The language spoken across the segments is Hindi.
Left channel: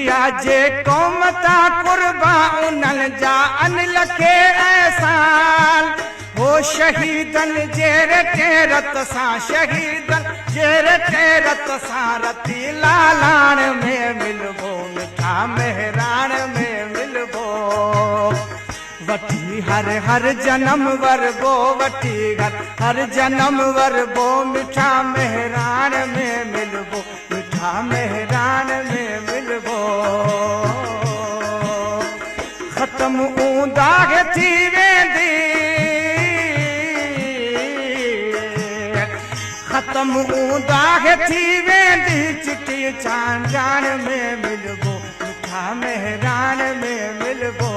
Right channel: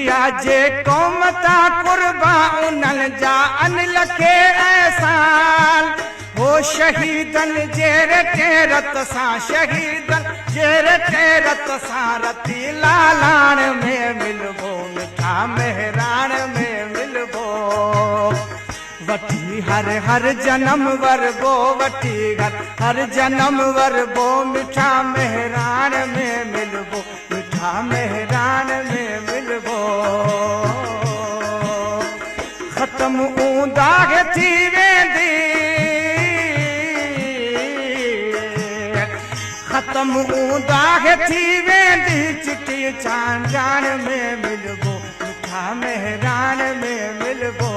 किया जे कौम ता कुर्बा उन्हनि जा अनिल खे एहसान हो शहीदन जेरे तेरत सां शहीदन जेरे तेरत सां रती लालाण में मिलबो मिठा मेहरान में मिलबो वठी हर जन्म वरबो वठी हर जन्म वरबो मिठा मेहरान में मिलबो मिठा मेहरान में मिलबो खत्म ऊंदाग थी वेंदी खत्म ऊंदाग थी वेंदी चिटी चांदान में मिलबो मिठा मेहरान में मिलबो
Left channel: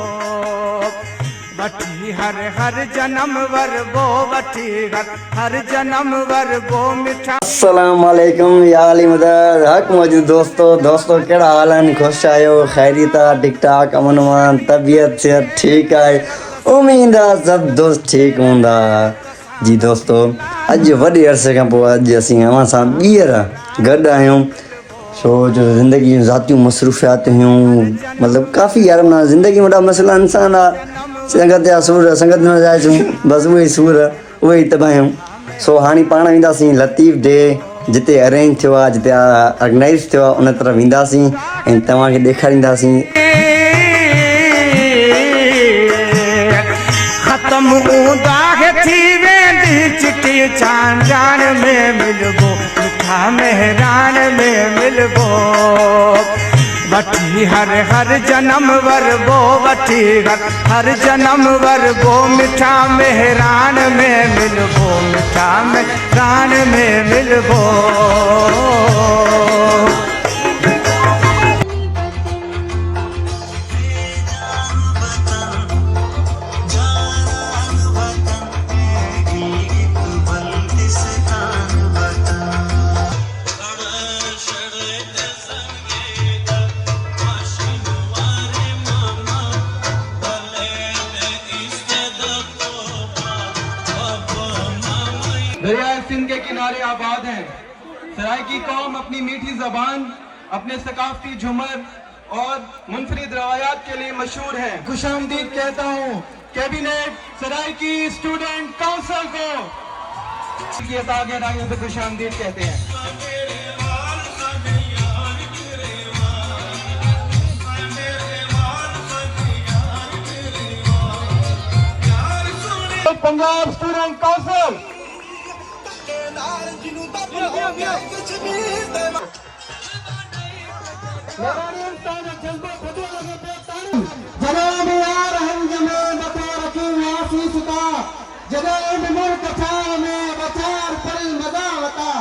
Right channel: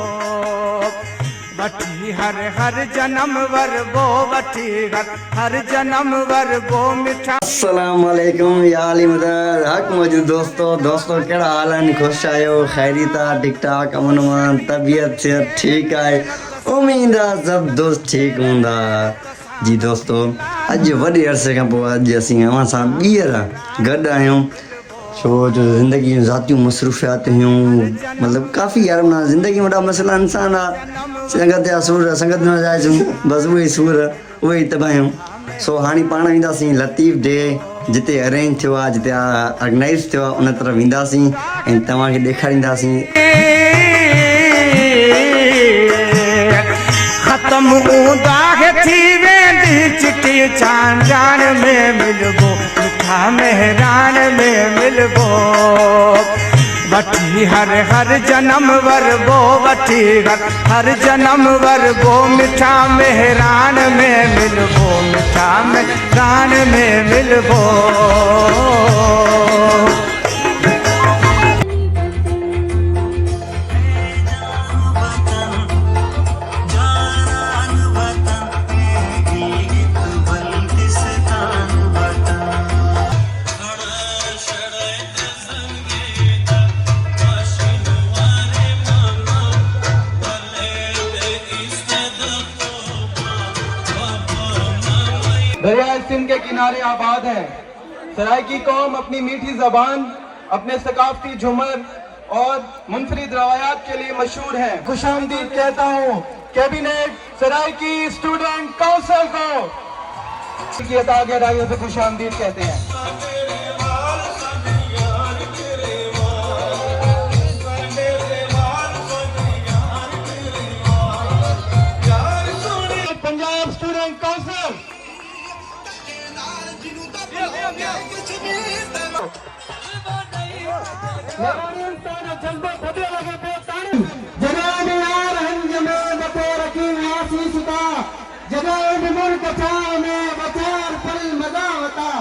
वठी हर जन्म वरबो वठी हर जन्म वरबो मिठा। अस्सलाम वालेकुम या अली मदद हक मौजूद दोस्तों केड़ा हाल है खुश आयो खैरियत ठीक ठाक अमन अमान तबीयत सेहत ठीक है उम्मीद है सब दोस्त ठीक होंदा जी। दोस्तों अज वडे अरसे का पो अज असी अवां सां ॿीहर गॾु आहियूं सो जो ज़िंदगी में ज़ातियूं मसरूफ़ियात हुयूं मतलब काफ़ी यार माना ज़िंदगी में वॾा मसइला इंसान आहे संगत या सूर संगत में जाइसूं बस वही सूर वही तबाहियूं। सो हाणे पाण वेंदासीं लतीफ़ डे जिते अरेंज थियो आहे जिते ऑर्गेनाइज़ थियो आहे उन तरफ़ वेंदासीं ऐं तव्हांखे ॾेखारींदासीं। खत्म ऊंदाग थी वेंदी चिटी चांदान में मिलबो मिठा मेहरान में मिलबो वठी हर जन्म वरबो वठी हर जन्म वरबो मिठा मेहरान में मिलबो मिठा मेहरान में मिलबो। दरियाए सिंध के किनारे आबाद है सराइकी कौम अपनी मीठी जबान अपने सकाफती झूमर और मुनफरिद रवायात के लिए मशहूर है। खुशामदीद कहता हूँ कैबिनेट सराइकी स्टूडेंट काउंसिल को गहराइयों से खुशामदीद कहते हैं। पंजाब स्टूडेंट काउंसिल जनाब यार हंज में बतौर रकीब यासी सुता जनाब मुल्क था में बचार फल मदाता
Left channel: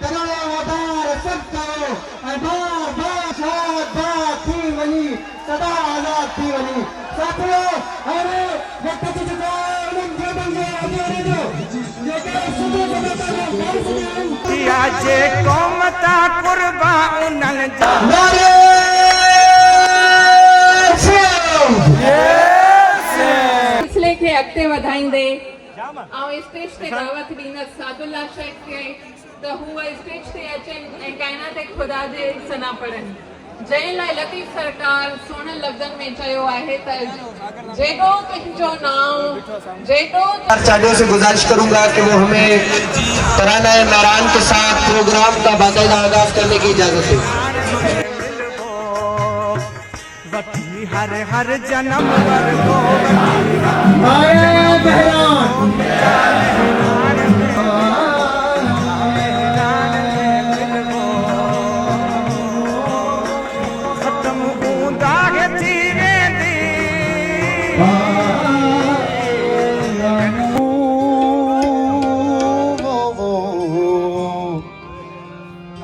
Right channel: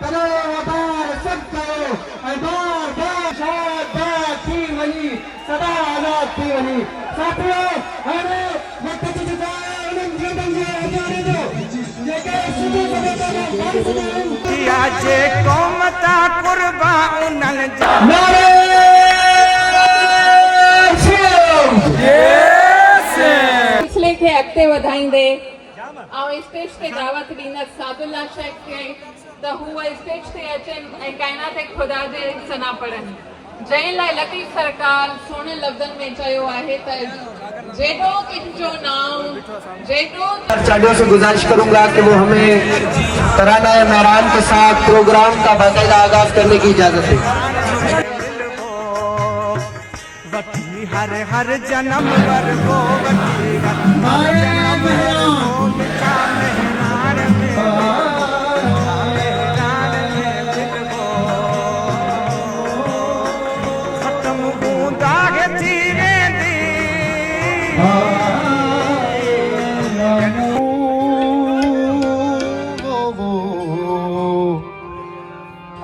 तनाए वदार सब करो बार बार शाद बात थी वही सदा आवाज थी वही साथियों अरे वक्त की जुदाई उन जीवन में आजादी दो ये के सुबह किया जे कौम ता कुर्बा उन्हनि जा सिलसिले खे अॻिते वधाईंदे ऐं स्टेज ते दावत ॾींदसि सादुल्ला शेख खे त हूअ स्टेज ते अचनि ऐं काइनात खुदा जे सना पढ़नि जंहिं लाइ लतीफ़ सरकार सुहिणे लफ़्ज़नि में चयो आहे त जेॾो तुंहिंजो नाम जेॾो साथियों से गुजारिश करूंगा कि वो हमें तराना मेहरान के साथ प्रोग्राम का बाकायदा आगाज करने की इजाजत है। वठी हर जन्म वरबो वठी हर जन्म वरबो मिठा मेहरान में मिठा मेहरान में मिलबो खत्म ऊंदाग थी वेंदी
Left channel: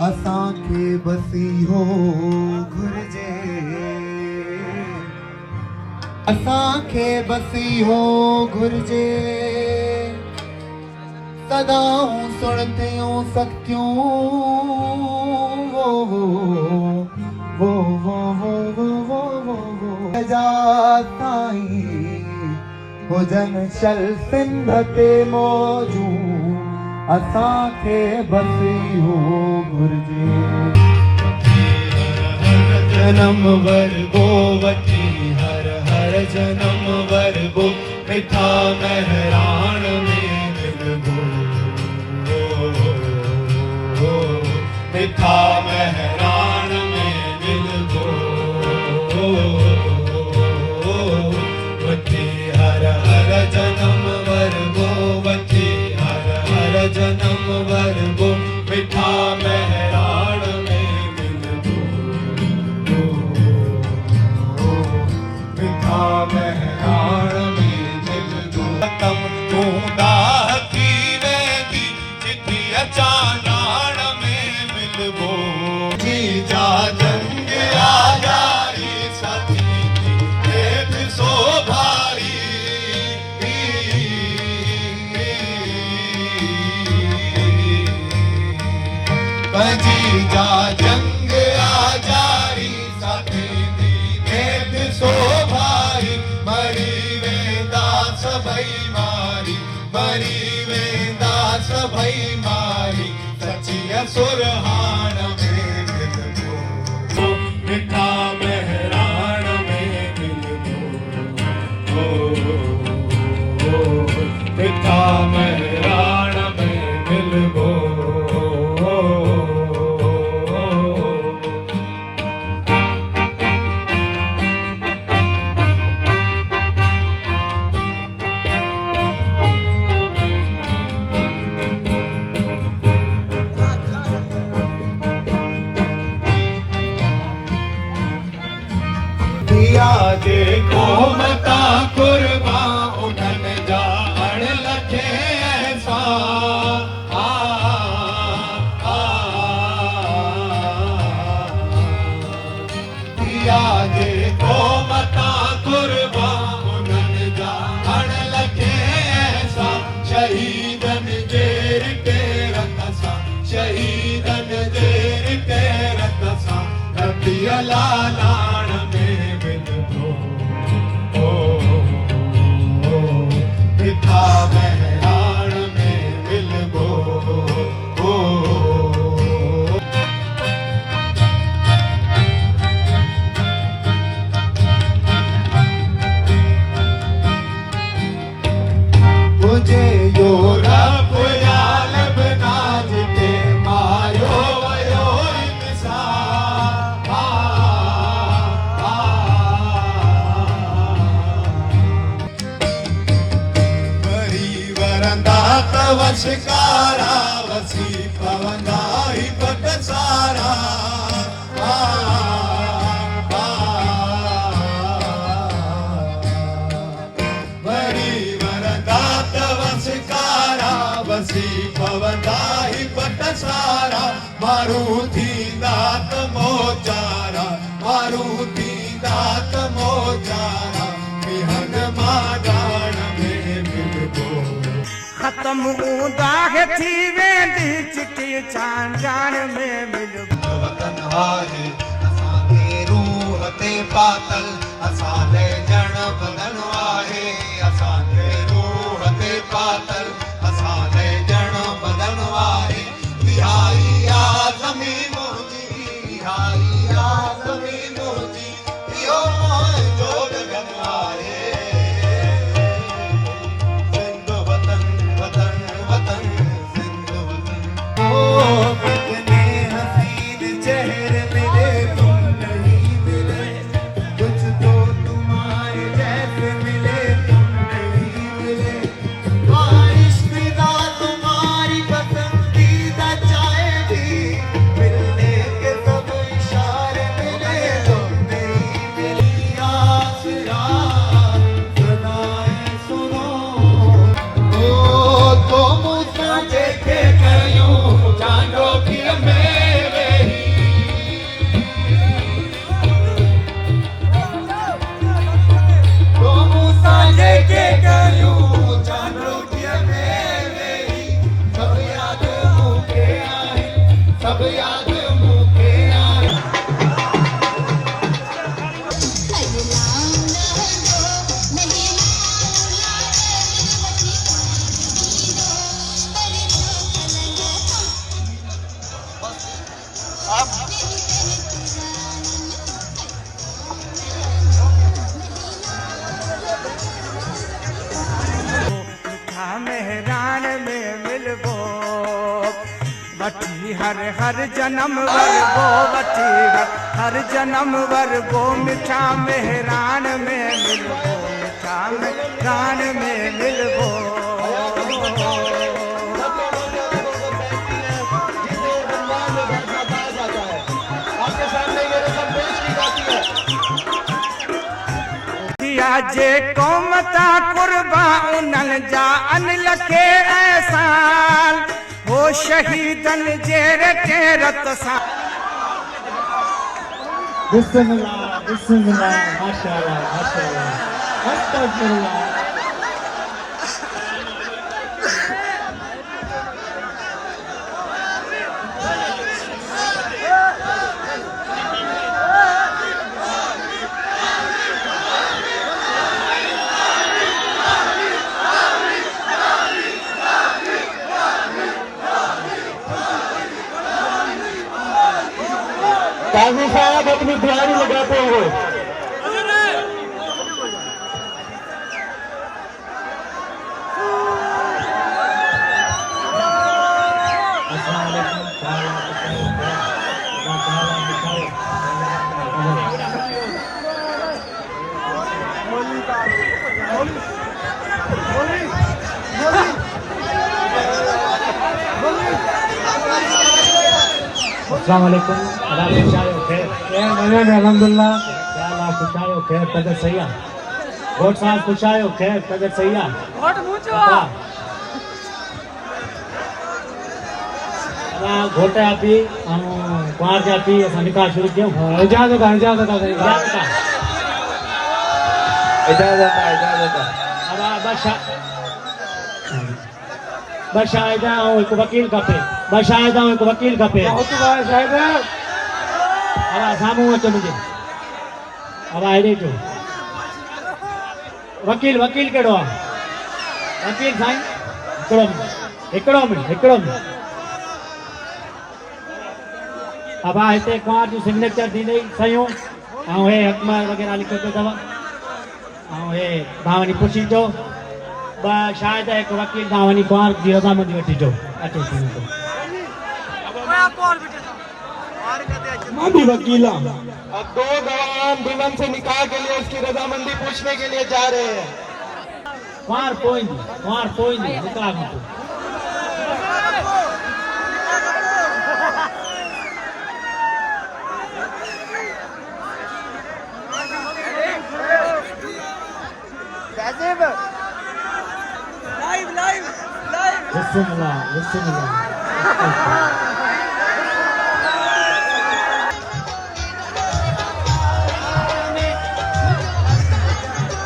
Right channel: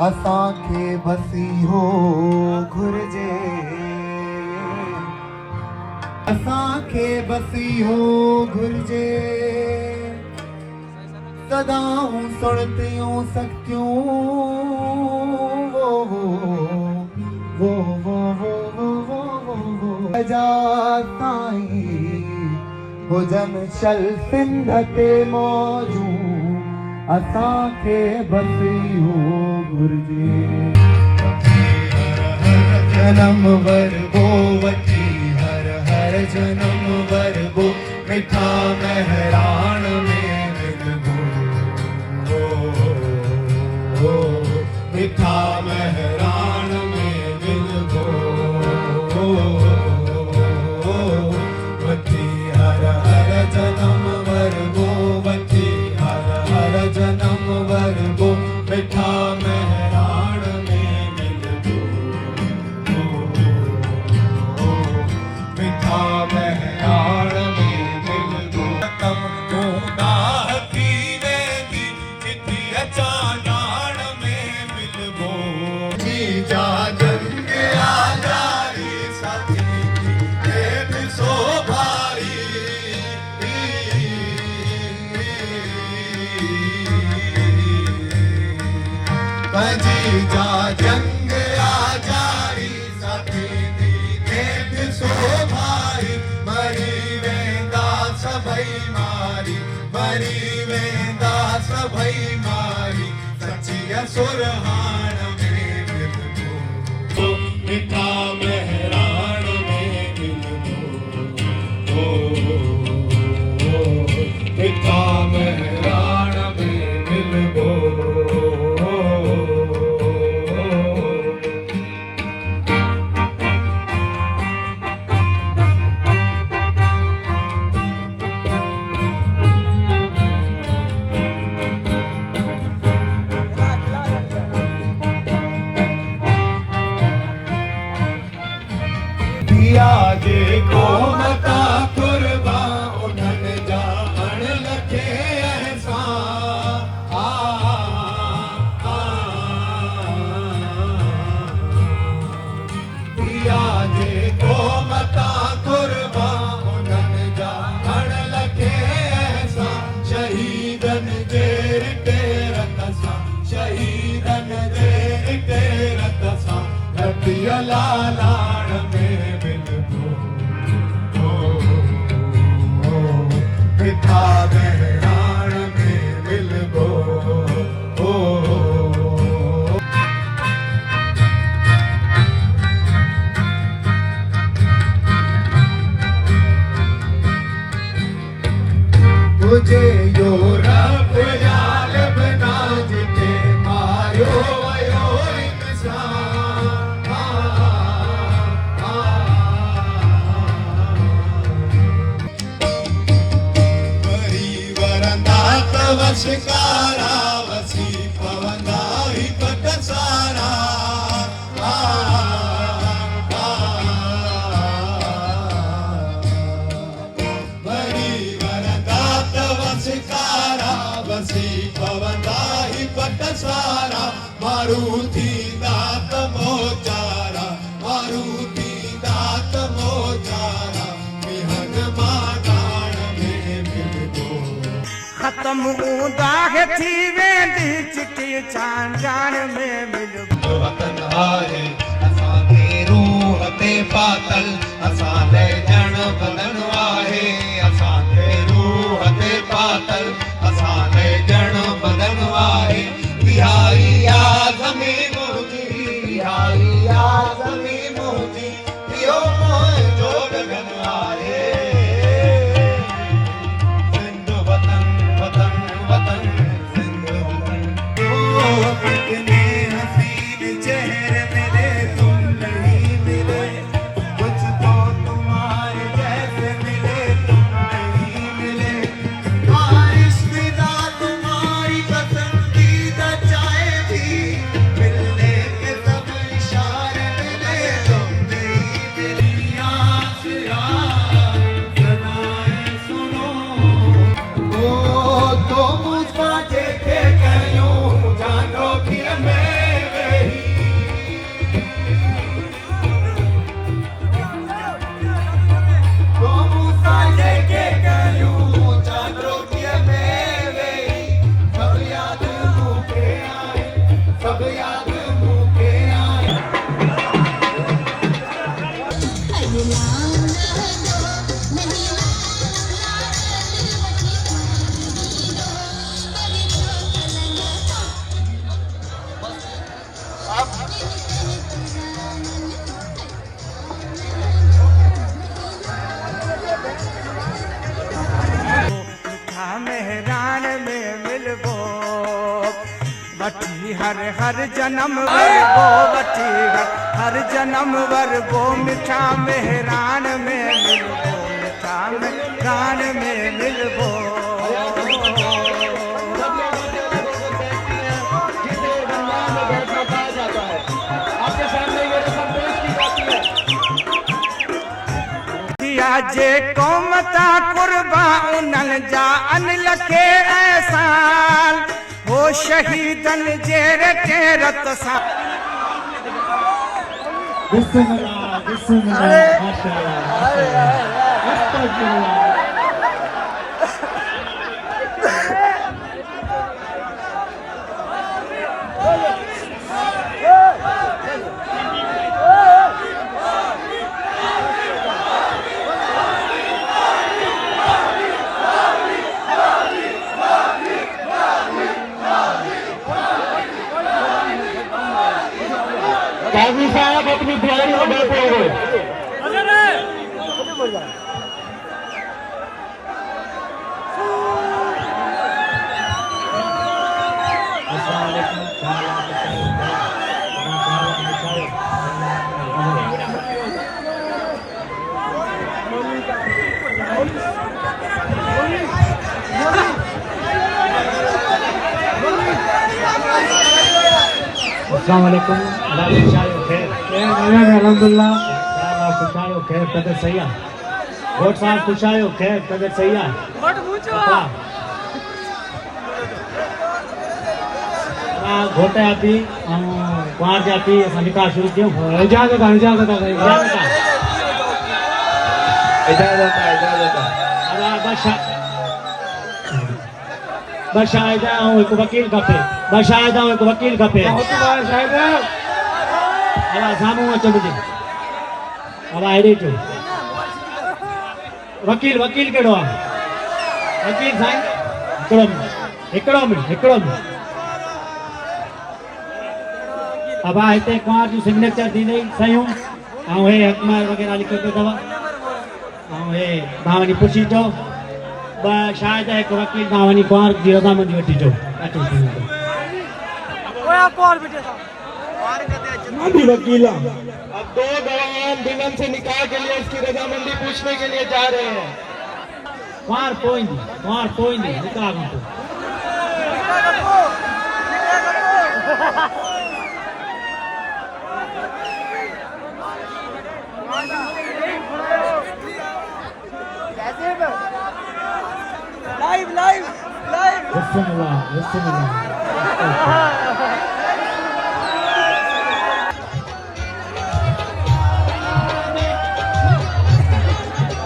असांखे बसी हो घुर्जे असांखे बसी हो घुर्जे सदाऊं सुणतियूं सख्तियूं वो जा साईं हुजन शल सिंध ते मौजू असांखे बसी हो घुर्जे जन्म वर्गो वठी हर हर जन्म वर्गो मिठा मेहरान में मिलबो मिठा मेहरान में मिलबो वठी हर हर जन्म वर्गो वठी हर हर जन्म वर्गो मिठा मेहरान में मिलबो मिठा मेहरान में मिलबो तम तूंदा की वेंदी चिठी अचानण में मिलबो जी जा जंग आ जाई साथी की एक सो भाई कजी जा जंग आ जारी साथी दी देख सो भाई मरी वेंदा सभई मारी मरी वेंदा सभई मारी सचिया सुरहान में मिलबो मिठा मेहरान में मिलबो मिठा मेहरान में मिलबो दिया देखो मता कुर्बा उठन जा अण लखे ऐसा दिया देखो मता कुर्बा उठन जा अण लखे ऐसा शहीदन जेर के रतसा शहीदन जेर के रतसा रतिया लालाण में मिलबो मिठा मेहरान में मिलबो मुझे यो रब याल बना जिते मायो वयो वशकारा वसी पवंदा ही पट सारा वरी वरदात वशकारा वसी पवंदा ही पट सारा मारुति दात मोचारा मारुति दात मोचारा विहंग मादान में मिलबो खत्म दाग थी वेंदी चिठी चांजान में मिलबो वतन आहे असांखे रूह ते पातल असांजे जण बदन आहे असांखे रूह ते पातल असांजे जण बदन आहे बिहारी आज़मी मुंहिंजी बिहारी आज़मी मुंहिंजी इहो मुंहिंजो गगन आहे सिंध वतन वतन वतन सिंध वतन ओ कितने हसीन चेहरे मिले तुम नहीं मिले कुछ तो तुम्हारे जैसे मिले तुम नहीं मिले बारिश विदा तुम्हारी पसंदीदा चाय भी मिलने के सब इशारे मिले तुम नहीं मिली आस यार मेहरान में मिलबो वठी हर हर जन्म वरबो वठी हर जन्म वरबो मिठा मेहरान में मिलबो मिठा मेहरान में मिलबो जे कौमता कुर्बा उनन जा अन लखे एहसान हो शहीदन जे रटे रत सा काजी साहब अपनी तैयारी लगाते हुए अस्सलामुअलैकुम अल्हम्दुलिल्लाह पुछायो खैर तबियत सही आहे घोट साहब पुछायो खैर तबियत सही आहे घोट जा पी कुंवर जा पी असां निकाह शुरू कयूं इजाज़त आहे बशायद एक वकील खपे बशायद एक वकील खपे अला सामू अचो मुझे अला हेॾे अचो वकील वकील कहिड़ो आहे वकील साईं हिकिड़ो मिंट अब हिते कुंवर जूं सिग्नेचर थींदी सयूं ऐं हे हकमार वग़ैरह लिखियो पियो अथव ऐं हे तव्हां वञी पुछी अचो शायद एक वकील तव्हां वञी कुंवर जी रज़ामंदी वठी अचो मैं भी वकील हूँ। अब दो गवाह दुल्हन से निकाह के लिए उसकी रजामंदी पूछने के लिए जा रहे हैं। कुंवर पोइंदी निकाह में बिस्मिल्लाह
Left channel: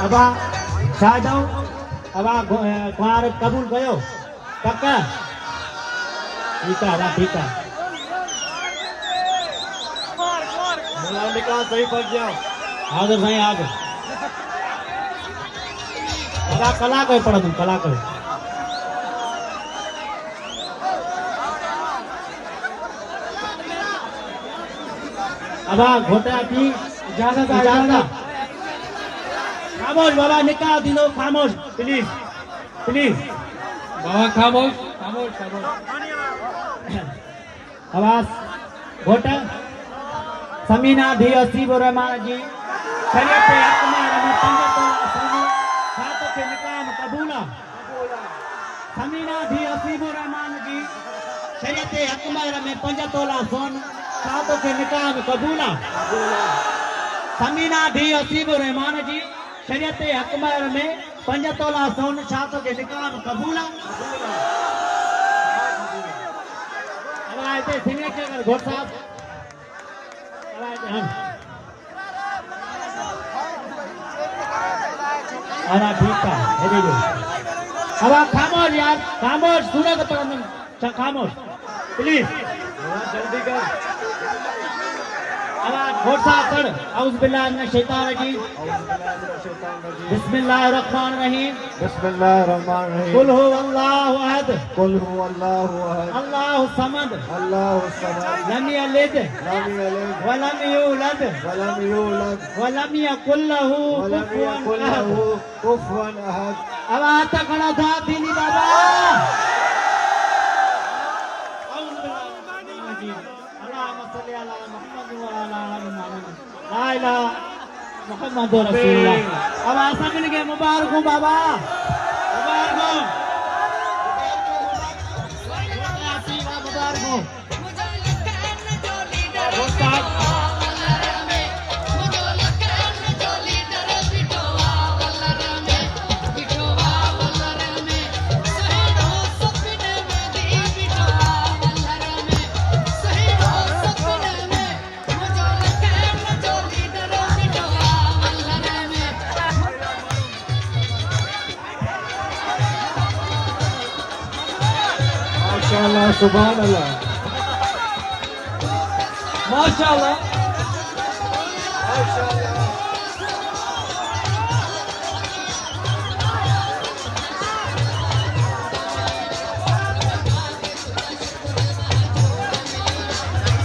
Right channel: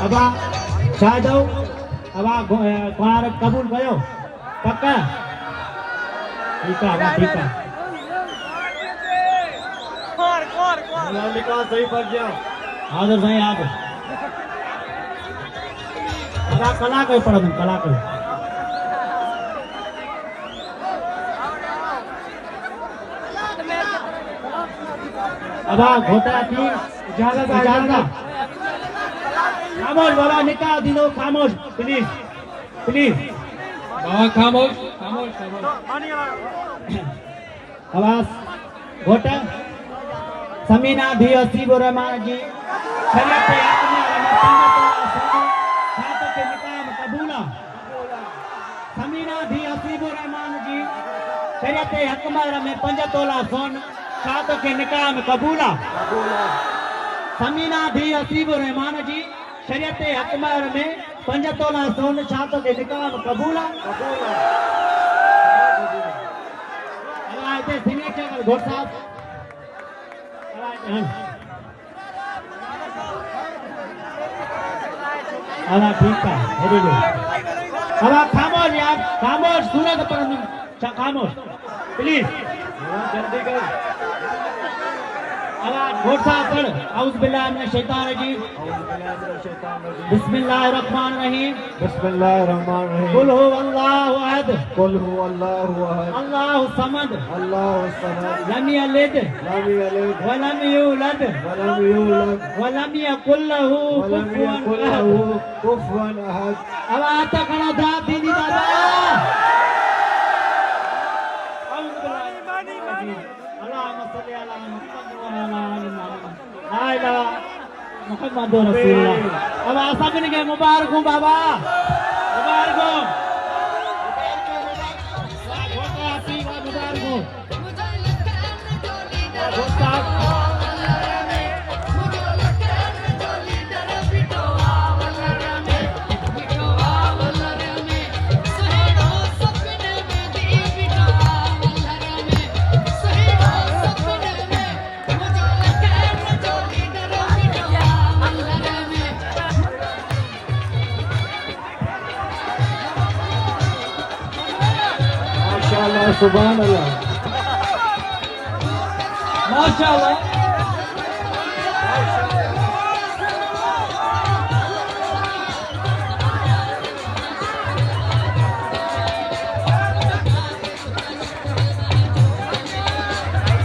अबा शायद अबा कुंवर कबूल कयो पक्का ठीक है निकाह सही पड़ गया हाजिर साईं आगे कला कर पढ़ कला कर अब घोटा की इजाजत खामोश बाबा निकाह दिनो खामोश प्लीज बाबा खामोश आवाज घोटा समीना धी असीब रहमान जी शरीयत अकमल में साथ के निकाह कबूला समीना धी असीब रहमान जी शरीयत अकमल में 5 तोला सोन साथ के निकाह में कबूला समीना धी असीब रहमान जी शरीयत अकमल में 5 तोला सोन साथ के निकाह में कबूला अल्लाह ते सिग्नेचर घोट साहब अल्लाह ठीक है दे दो अब खामोश यार खामोश सुनो तो खामोश प्लीज जल्दी करो घोटा पढ़ औज़ बिल्लाहि मिनश शैतानिर रजीम बिस्मिल्लाहिर रहमानिर रहीम बिस्मिल्लाहिर्रहमानिर्रहीम कुल हुवल्लाहु अहद कुल हुवल्लाहु अहद अल्लाहु समद अल्लाहु समद लम यलिद लम यलिद व लम यूलद व लम यूलद व लम यकुल लहू व लम यकुल लहू कुफुवन अहद अब आता खाना था दीनी बाबा अल्लाहुम्मा सल्ली अला मुहम्मद रसूलुल्लाह। अब आशा बन गए मुबारक हो बाबा मुबारक हो मुबारक हो माशाअल्लाह सुभान अल्लाह माशाअल्लाह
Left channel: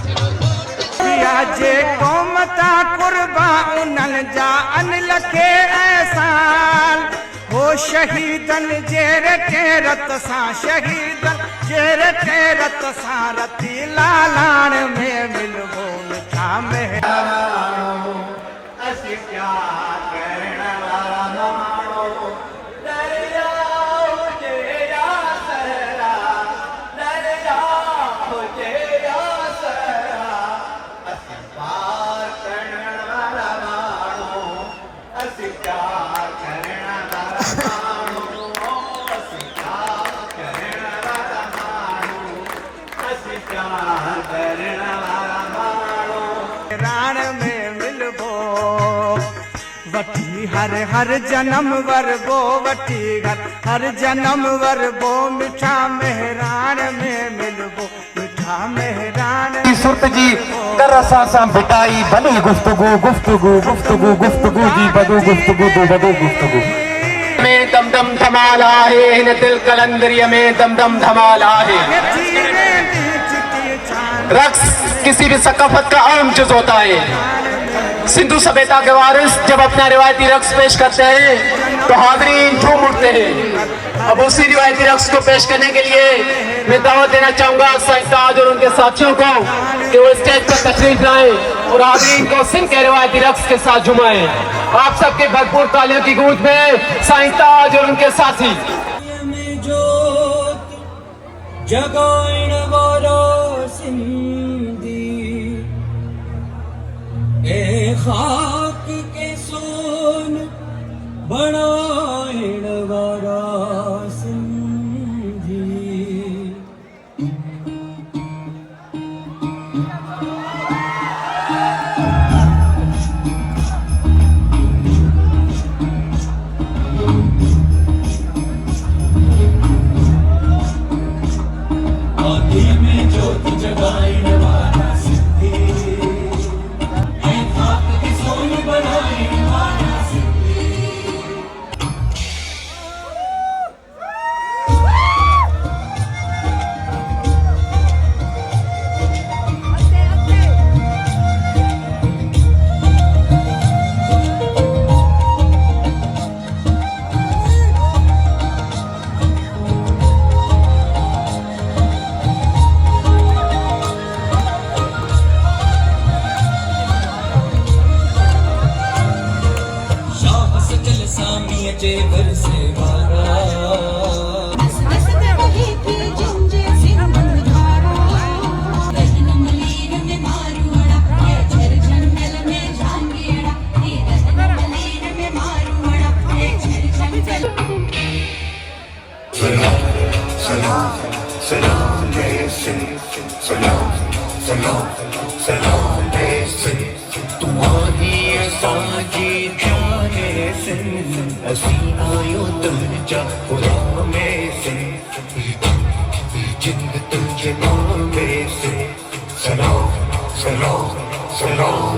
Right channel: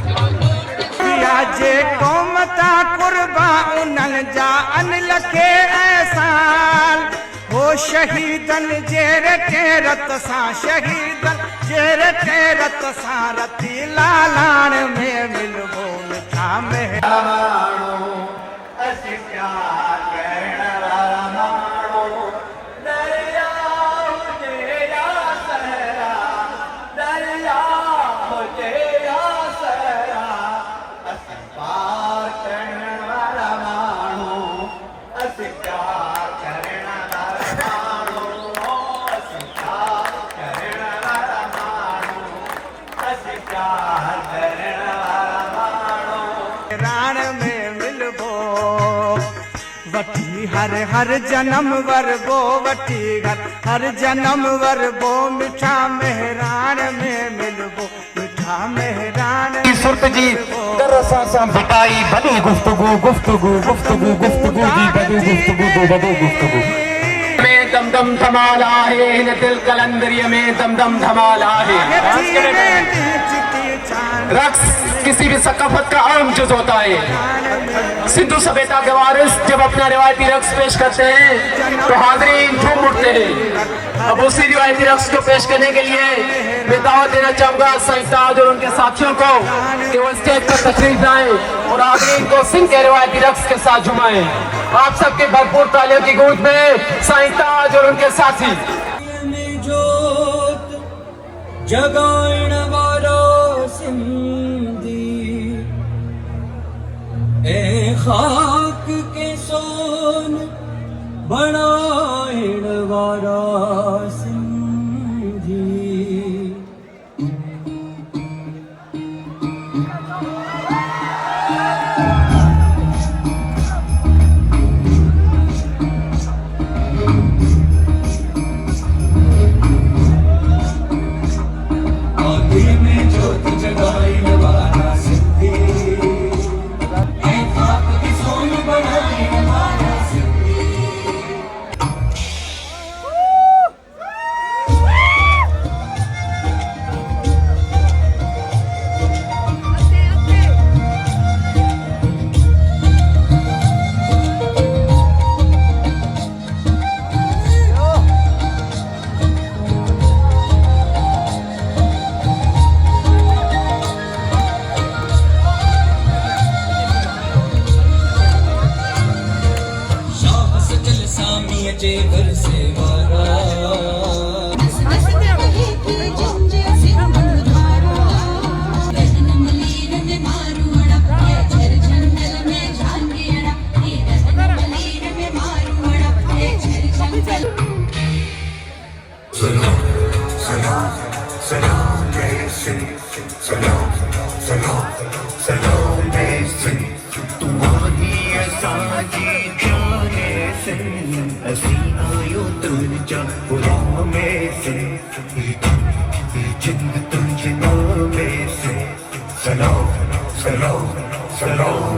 दिया जे कौमता कुर्बा उन्हनि जा अनिल खे एहसान हो शहीदन जेरे टेरत सां शहीदन जेरे टेरत सां रती लालाण में मिलबो मिठा में असीं प्यार करण वारा माण्हू दरिया हुजे या सहरा दरिया हुजे या सहरा असीं प्यार करण वारा माण्हू असीं प्यार करण वारा माण्हू असीं प्यार करण वारा माण्हू असीं प्यार करण वारा माण्हू राण में मिलबो वठी हर जन्म वरबो वठी हर जन्म वरबो मिठा मेहरान में मिलबो मिठा मेहरान सुर्त जी तरसा सां बिटाई भली गुफ्तगू गुफ्तगू गुफ्तगू गुफ्तगू जी बदू गुफ्तगू बदू गुफ्तगू में दम दम धमाल आहे हिन दिल कलंदरीअ में दम दम धमाल आहे रक्स किसी भी सकाफत का अहम जुज होता है सिंधु सभ्यता के वारिस जब अपना रिवायती रक्स पेश करते हैं तो हाज़रीन झूम उठते हैं। अब उसी रिवायती रक्स को पेश करने के लिए मैं दावत देना चाहूंगा साईं ताज और उनके साथियों को कि वो स्टेज पर तशरीफ लाएं और हाज़रीन को सिंध के रिवायती रक्स के साथ झुमाएं। आप सबके भरपूर तालियों की गूंज में साईं ताज और उनके साथी जगाइण वारा सिंधी ए खाक के सोन बनाइण वारा सिंधी आगे में ज्योत जगाइण वारा सिंधी ए खाक के सोन बनाइण वारा सिंधी शाह सजल सामीअ जे घर से वारा Hello.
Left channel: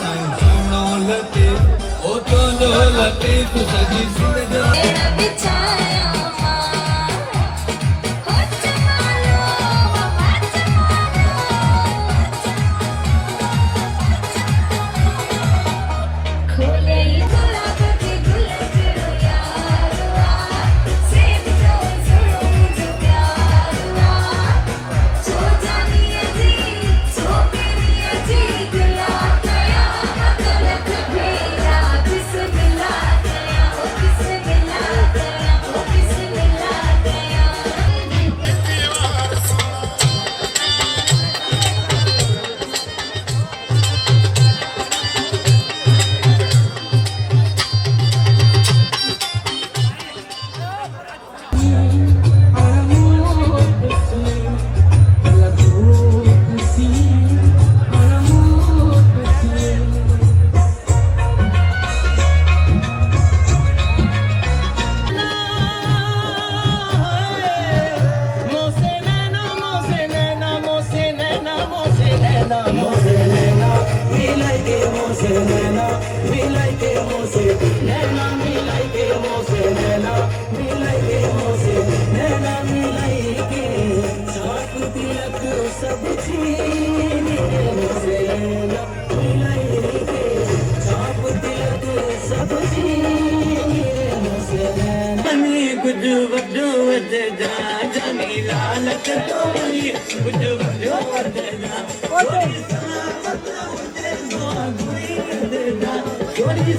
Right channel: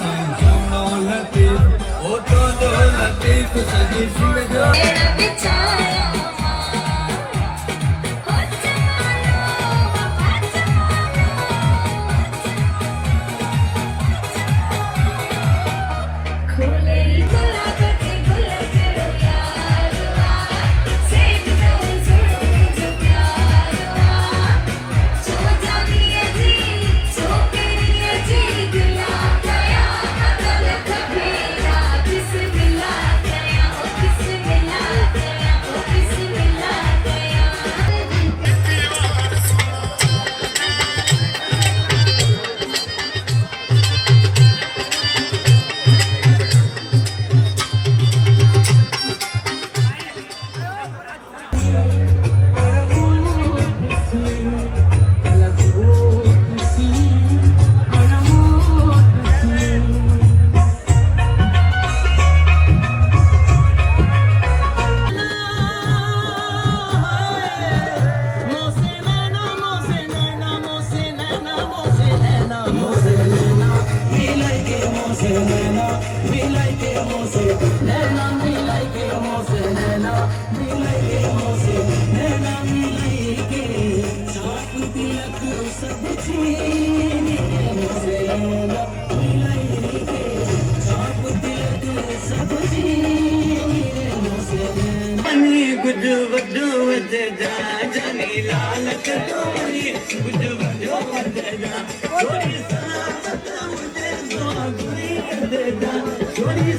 साईं सुनो लतीफ ओ तो लतीफ सजी सिंह जो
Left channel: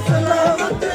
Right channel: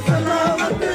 सलामत